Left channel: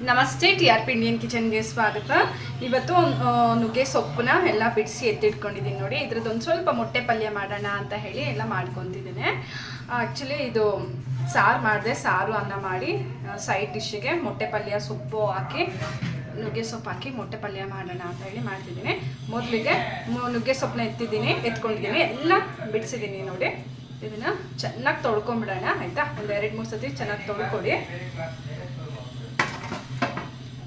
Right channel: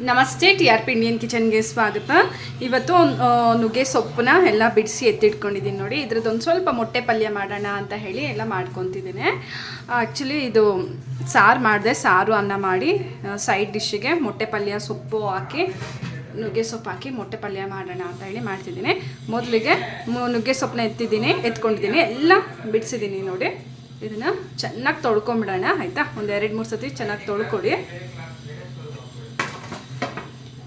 ನಮಸ್ತೆ, TRP Indian ಕಿಚನ್ಗೆ ಸ್ವಾಗತ. ಇವತ್ತು ನುಗ್ಗೆ ಸೊಪ್ಪನ್ನ ಎಲ್ಲ ಬಿಡಿಸಿ ಎತ್ತಿಟ್ಕೊಂಡಿದ್ದೀನಿ ನೋಡಿ. ಇದ್ರದ್ದೊಂದು ಸ್ವಲ್ಪ ಮೊಟ್ಟೆ ಪಲ್ಯ ಮಾಡೋಣ ಅಂತ ಹೇಳಿ ಎಲ್ಲ ಮಾಡ್ಕೊತಿದ್ದೀನಿ. ಆ್ಯಕ್ಚುಲಿ ಇದು ಸಾರು ಮಾಡಿದೆ, ಸಾರು ಅನ್ನ ಮಾಡಿ ಸೈಡ್ ಡಿಶ್ಶಿಗೆ ಮೊಟ್ಟೆ ಪಲ್ಯ ಸೊಪ್ಪು ಹಾಕಿ ನುಗ್ಗೆ ಸೊಪ್ಪು ಹಾಕಿ ಮೊಟ್ಟೆ ಪಲ್ಯ ಮಾಡೋಣ ಅಂತ ಹೇಳಿ ಮಾಡ್ತಿದ್ದೀನಿ. ಮೊದಲಿಗೆ ನುಗ್ಗೆ ಸೊಪ್ಪನ್ನ ಎತ್ಕೊಂಡಿದ್ದೀನಿ, ಎಲ್ಲ ಬಿಡಿಸಿದ್ದೀನಿ ನೋಡಿ. ಇದನ್ನು ಚೆನ್ನಾಗಿ ತೊಳ್ಕೊಂಬಿಡೋಣ ಆಯಿತಾ. ಒಂದು 2-3 ಸತಿ ಚೆನ್ನಾಗಿ ತೊಳ್ಕೊಡಿ.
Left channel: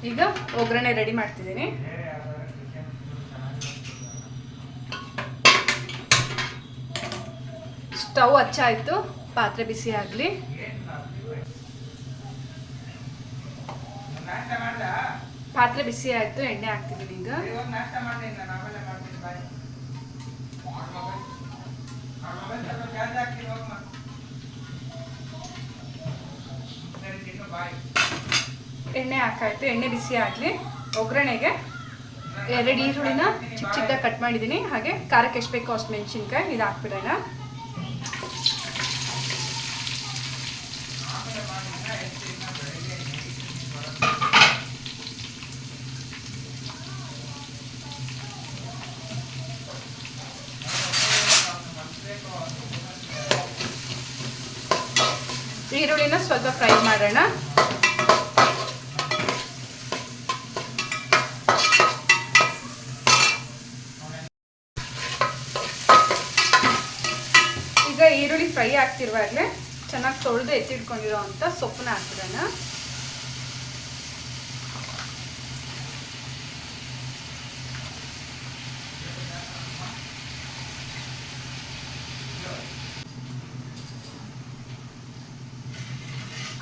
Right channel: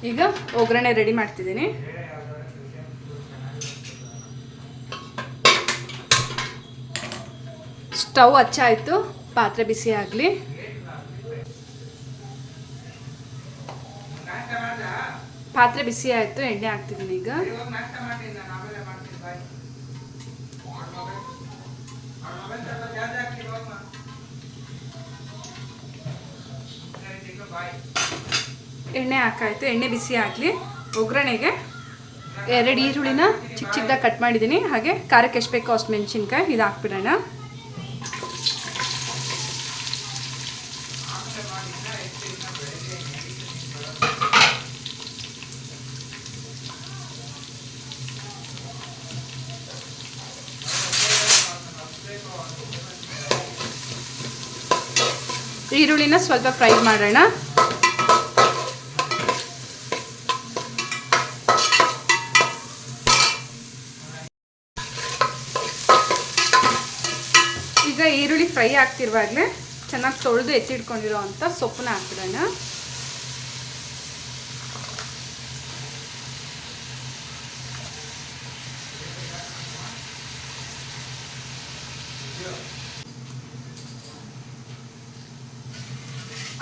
ಈಗ ಒಗ್ಗರಣೆ ರೆಡಿ ಮಾಡ್ತಿದ್ದೀನಿ. ಸ್ಟವ್ ಹಚ್ಚಾಯಿತು, ಪಾತ್ರೆ ಬಿಸಿ ಆಗಲಿ. ಪಾತ್ರೆ ಬಿಸಿ ಆಯಿತು, ಎಣ್ಣೆ ಹಾಕ್ತಿದ್ದೀನಿ. ಈಗ ಎಣ್ಣೆ ಹಾಕಾಯ್ತು, ಎಣ್ಣೆ ಬಿಸಿ ಆಗಲಿ. ಒಗ್ಗರಣೆಗೆ 2 ಈರುಳ್ಳಿನ ಚಿಕ್ಕ ಚಿಕ್ಕದಾಗಿ ಕಟ್ ಮಾಡಿದ್ದೀನಿ. ಹಾಗೆ ಖಾರಕ್ಕೆ ಎಷ್ಟು ಬೇಕೋ ಅಷ್ಟು ಮೆಣಸಿನ್ಕಾಯಿ ಇದು ಹಾಕ್ಬಿಡೋಣ. ಈರುಳ್ಳಿನ ಸ್ವಲ್ಪ ಫ್ರೈ ಮಾಡೋಣ. ಈಗ ಈರುಳ್ಳಿ ಫ್ರೈ ಆಗ್ತಿರುವಾಗಲೇ ಚೆನ್ನಾಗಿ ತೊಳೆದು ಎತ್ತಿಟ್ಕೊಂಡಿರೋ ಅಂಥ ಸೊಪ್ಪನ್ನ ಹಾಕ್ಬಿಡೋಣ.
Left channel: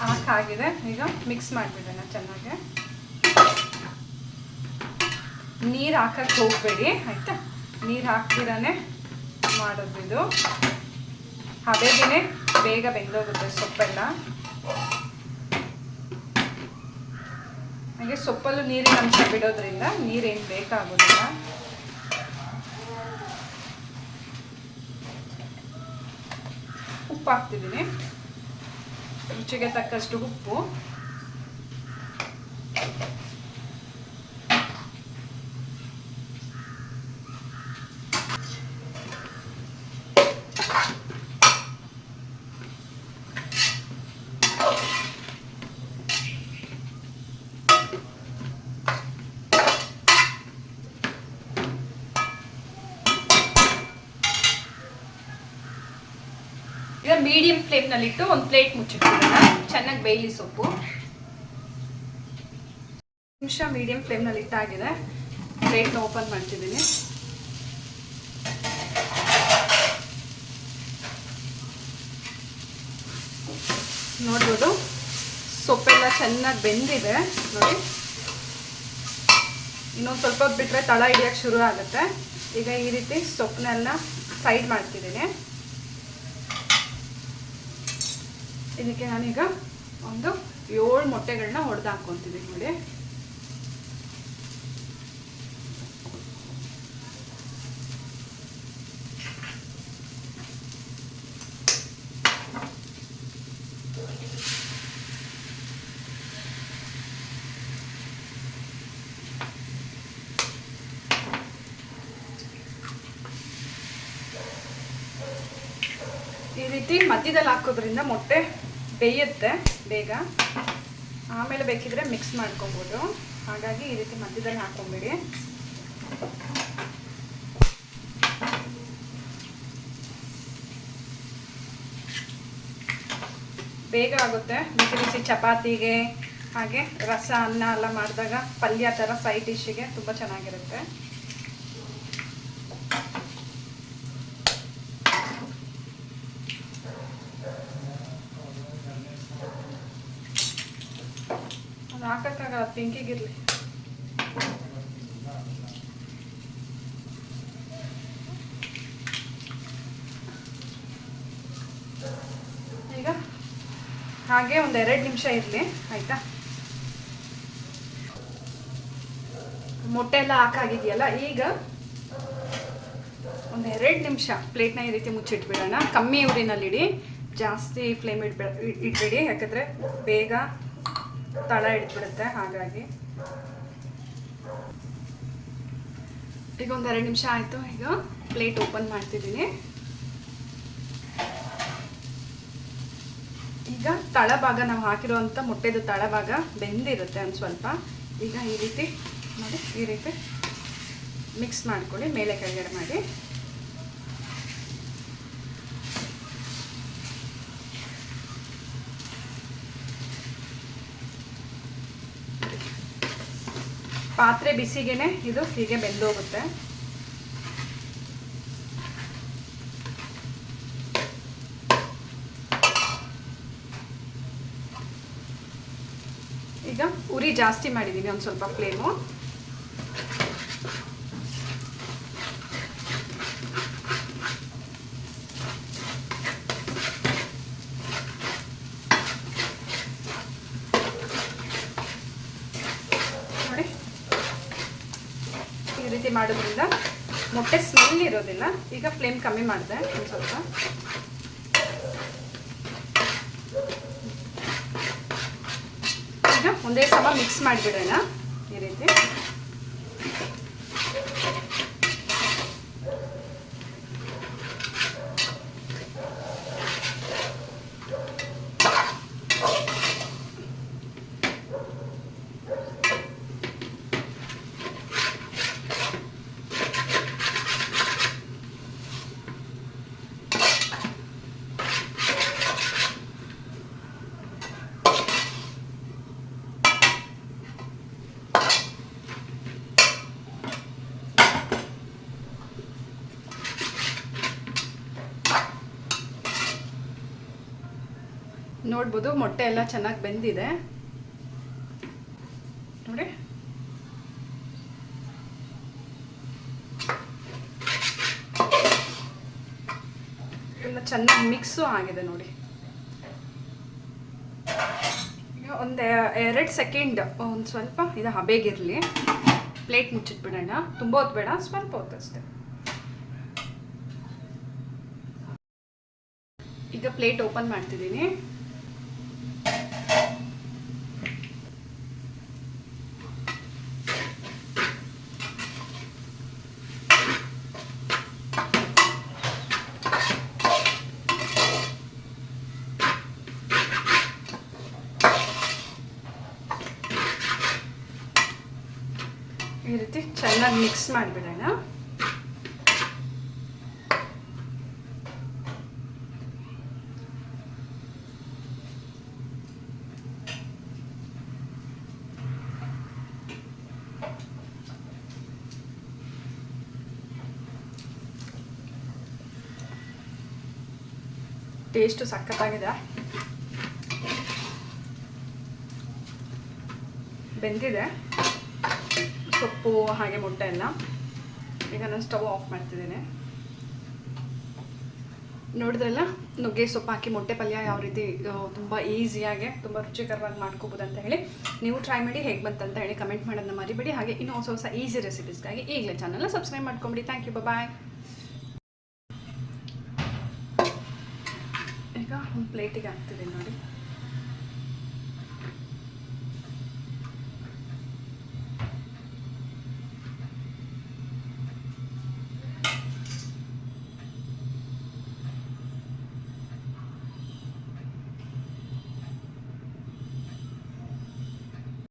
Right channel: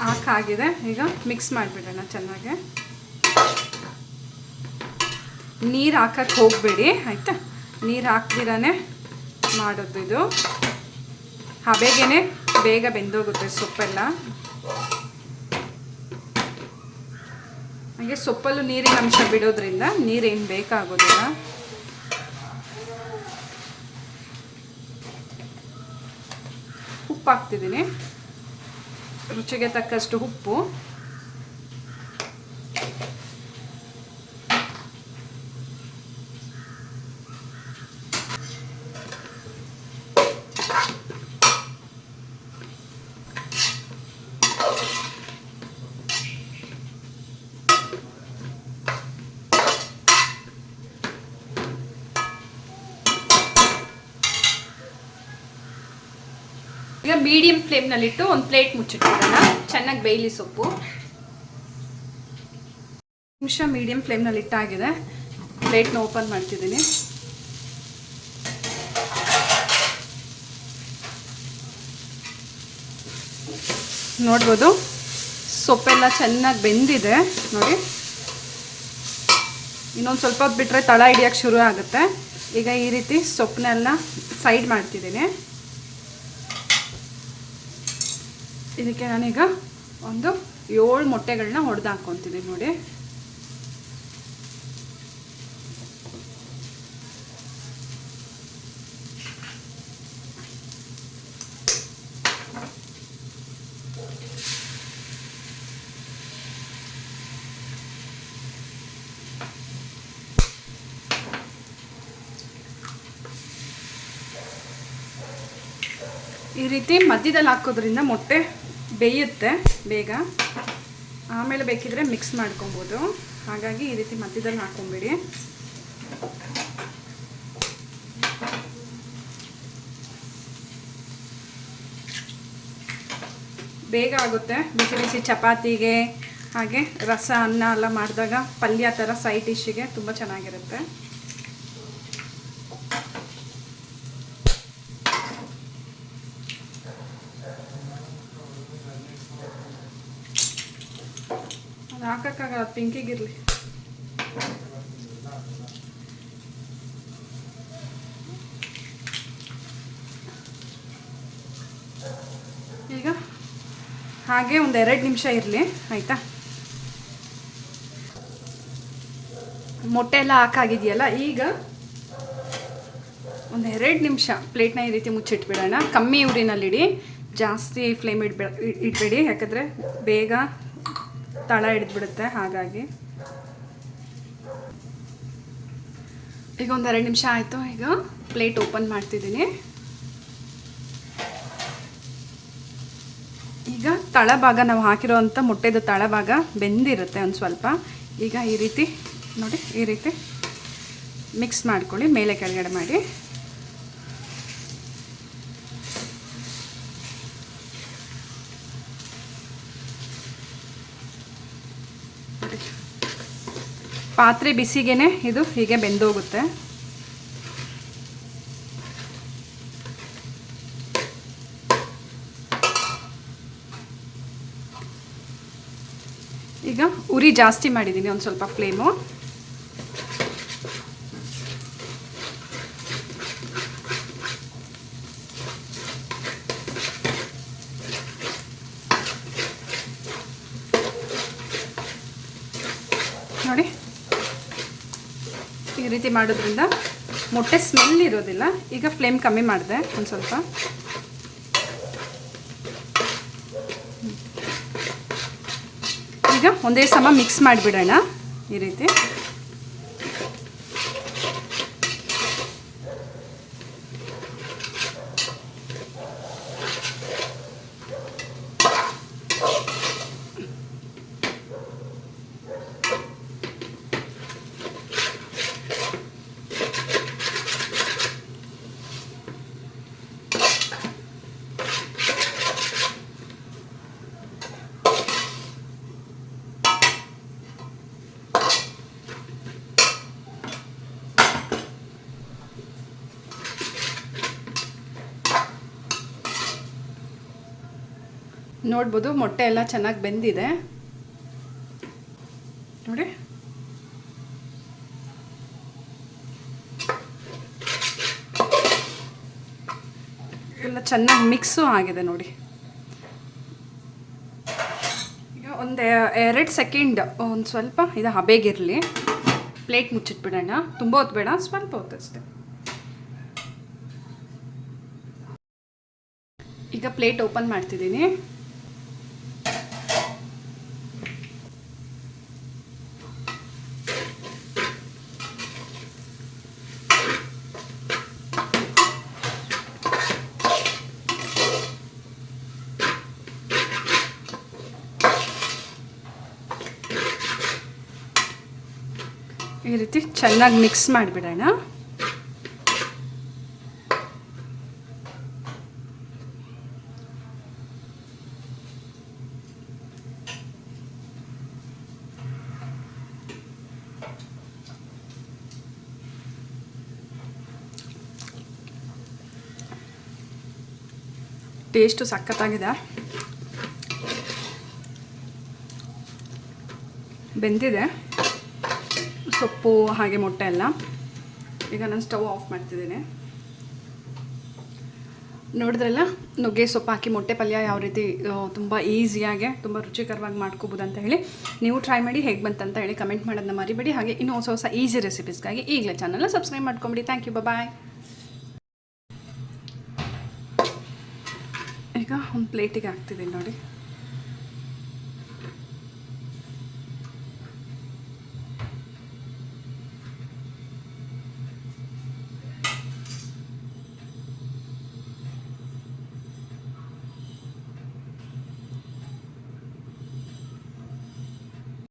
ಹಾಕಾಗಿದೆ, ಈಗ ಮಿಕ್ಸ್ ಮಾಡಿಬಿಡೋಣ ಚೆನ್ನಾಗಿ. ನೀರು ಹಾಕಕ್ಕೆ ಹೋಗಬೇಡಿ ಆಯಿತಾ. ನೀರು ಹಾಕ್ದಿರಾನೆ ಮಾಡೋದು ಇದು. ಹಬೆಗೇನೆ ಬೇಗ ಬೆಂದೋಗುತ್ತೆ ಸೊಪ್ಪೆಲ್ಲ. ಹಾಗೆ ಸೊಪ್ಪಲ್ಲೂ ನೀರಿನ ಅಂಶ ಬಿಡೋದ್ರಿಂದ ನೀರೇನು ಬೇಕಾಗೋದಿಲ್ಲ. ಉಪ್ಪು ಹಾಕ್ತಿದ್ದೀನಿ, ರುಚಿಗೆ ತಕ್ಕಷ್ಟು ಉಪ್ಪು. ಈಗ ಮೀಡಿಯಂ ಫ್ಲೇಮ್ನಲ್ಲಿಟ್ಟು ಒಂದು ಪ್ಲೇಟ್ ಮುಚ್ಚಿಟ್ಬಿಡೋಣ. ಚೆನ್ನಾಗಿ ಬೇಯಲಿ ಸೊಪ್ಪು. ನಿಮಿಷ ಮೀಡಿಯಂ ಫ್ಲೇಮ್ನಲ್ಲಿ ಇಟ್ಟಾಗಿದೆ. ಪ್ಲೇಟ್ನ ಓಪನ್ ಮಾಡ್ತಿದ್ದೀನಿ. ನೋಡ್ಬೋದು ಸೊಪ್ಪೆಲ್ಲ ಚೆನ್ನಾಗಿ ಬೆಂದಿದೆ ನೋಡಿ. ಇನ್ನೊಂದು ಸ್ವಲ್ಪ ಹೊತ್ತು ಬಿಟ್ಟರೆ ತಳ ಹಿಡಿಯೋಕ್ಕೆ ಶುರು ಆಗುತ್ತೆ. ಈಗ ಈ ರೀತಿ ಸೊಪ್ಪನ್ನೆಲ್ಲ ಸೈಡ್ ಮಾಡ್ತಿದ್ದೀನಿ. ಇದಕ್ಕೆ ನಾನೀಗ ಒಂದು 7 ಮೊಟ್ಟೆಗಳನ್ನ ಹೊಡೆದು ಹಾಕ್ಕೊತಿದ್ದೀನಿ ನೋಡಿ. ಈ ರೀತಿ ಮಧ್ಯದಲ್ಲಿ ಹಾಕೋದ್ರಿಂದ ಮೊಟ್ಟೆ ಬೇಯುತ್ತೆ ಬೇಗ. ಆಮೇಲೆ ಬೇಕಿದ್ರೆ ಮಿಕ್ಸ್ ಮಾಡ್ಕೊಬೋದು. ಹಾಗಾಗಿ ಈ ರೀತಿ ಮಧ್ಯದಲ್ಲಿ ಹಾಕೊಂಬಿಡಿ. ಬೇಗ ಆಗುತ್ತೆ. ಬಿಸಿ ಬಿಸಿ ಚಪಾತಿಗೆ ಹಾಗೆ ರಸ ಅನ್ನ ಎಲ್ಲ ಮಾಡಿದಾಗ ಪಲ್ಯ ಥರ ಸೈಡ್ ಡಿಶ್ಶಿಗೆ ತುಂಬ ಚೆನ್ನಾಗಿರುತ್ತೆ. ಹಾಕಕ್ಕಾಗಲ್ಲ, ಪಿಂಕಿಗಿರಲಿ. ಈಗ ಹಾಗೆ ಒಂದು 2 ನಿಮಿಷ ಇರಲಿ ಆಯಿತಾ. ಮೊಟ್ಟೆ ಎಲ್ಲ ಹಾಕಾಗಿದೆಯಲ್ಲ, ಈಗ ಒಂದು 2 ನಿಮಿಷ ಪ್ಲೇಟ್ನ ಈ ರೀತಿ ಮುಚ್ಚಿಟ್ಬಿಡೋಣ. ಕಮ್ಮಿ ಉರಿನಲ್ಲಿಡಿ, ಜಾಸ್ತಿ ಫ್ಲೇಮ್ ಇಡಬೇಡಿ, ಯಾಕಂದರೆ ಬೇಗ ತಳ ಹಿಡಿದ್ಬಿಡುತ್ತೆ. ಹಾಗಾಗಿ ಈಗ ಒಂದು 2 ನಿಮಿಷ ಆಯಿತು. ಈಗ ಪ್ಲೇಟ್ ಓಪನ್ ಮಾಡ್ತಿದ್ದೀನಿ. ಈಗ ತಳಭಾಗ ನಾವು ಹಾಕಿರೋವಂಥ ಮೊಟ್ಟೆದು ತಳಭಾಗ ಬೆಂದಿರುತ್ತೆ ಒಂದು ಸ್ವಲ್ಪ. ಈಗ ಈ ರೀತಿ ನೋಡಿ, ಈ ರೀತಿ ಮಿಕ್ಸ್ ಮಾಡ್ಕೊಳ್ಳಿ, ಮೇಲೆ ಕೆಳಗಡೆ ಮಾಡಿ. ಪಾತ್ರೆ ಬಿಸಿಗೆನೆ ಇದು ಹೀಗೆ ಬೆಂದೋಗುತ್ತೆ. ಈಗ ಉರಿ ಜಾಸ್ತಿ ಮಾಡಿದ್ದೀನಿ ಒಂದು ಸ್ವಲ್ಪ ಫ್ಲೇಮು. ನೋಡಿ, ಈ ರೀತಿ ಮಾಡೋದ್ರಿಂದ ಮೊಟ್ಟೆ ಸ್ಮೆಲ್ ಇರೋದಿಲ್ಲ. ಈಗ ಫ್ಲೇಮ್ ಕಮ್ಮಿ ಮಾಡಿದೆ ಒಂದು ಸ್ವಲ್ಪ. ಈಗ ಒಂದೇ ಸಮ ಮಿಕ್ಸ್ ಮಾಡಿಬಿಡೋಣ ಈ ರೀತಿ. ನೋಡ್ಬೋದು ಮೊಟ್ಟೆ ಎಲ್ಲ ಚೆನ್ನಾಗಿ ಬೆಂದಿದೆ ನೋಡಿ. ಎಲ್ಲ ಚೆನ್ನಾಗಿ ಮಿಕ್ಸು ಆಗಿದೆ ನೋಡಿ. ಈಗ ಒಂದು 2 ಸೆಕೆಂಡ್ ಒಂದು ಸ್ವಲ್ಪ ಇದು ಹಬೆಗಿರಲಿ. ಪ್ಲೇಟ್ ಮುಚ್ಚಿಟ್ಬಿಡೋಣ. ತುಂಬ ಹೊತ್ತು ಬೇಡ, ಸ್ವಲ್ಪ ಹೊತ್ತು ಅಷ್ಟೇ. ಈಗ ಪ್ಲೇಟ್ ಓಪನ್ ಮಾಡ್ತಿದ್ದೀನಿ. ಈ ರೀತಿ ಚೆನ್ನಾಗಿ ಮಿಕ್ಸ್ ಮಾಡಿಬಿಡೋಣ. ಟೇಸ್ಟು ಸಖತ್ತಾಗಿದೆ, ಬೆಂದಿದೆ ಸೊಪ್ಪು ಹಾಗೆ ಮೊಟ್ಟೆ ಎಲ್ಲ. ಈಗ ನಾನು ಸ್ಟವ್ ಆಫ್ ಮಾಡ್ತಿದ್ದೇನೆ. ನೋಡಿದ್ರಲ್ಲ, ನುಗ್ಗೆ ಸೊಪ್ಪು ಹಾಕಿ ಮೊಟ್ಟೆ ಪಲ್ಯ ಯಾವ ರೀತಿ ತುಂಬ ಈಸಿಯಾಗೆ ತುಂಬ ರುಚಿಕರವಾಗಿ ಮಾಡ್ಕೋಬೋದು ಅಂತ ಹೇಳಿ. ನೀವು ಟ್ರೈ ಮಾಡಿ ಹೇಗೆ ಬಂತಂತ ಹೇಳಿ ಕಮೆಂಟ್ ಮಾಡೋದನ್ನ ಮರಿಬೇಡಿ. ಹಾಗೆ ಇನ್ನೂ ಹೊಸ ಈಸಿ ರೆಸಿಪೀಸ್ಗಾಗಿ ಈಗಲೇ ಚಾನಲ್ನ ಸಬ್ಸ್ಕ್ರೈಬ್ ಮಾಡ್ಕೊಂಬಿಡಿ. ಥ್ಯಾಂಕ್ ಯು, ಬಾಯ್. ಈಗ ಒಂದು ಪ್ಲೇಟಿಗೆ ಹಾಕ್ತಿದ್ದೀನಿ ನೋಡಿ.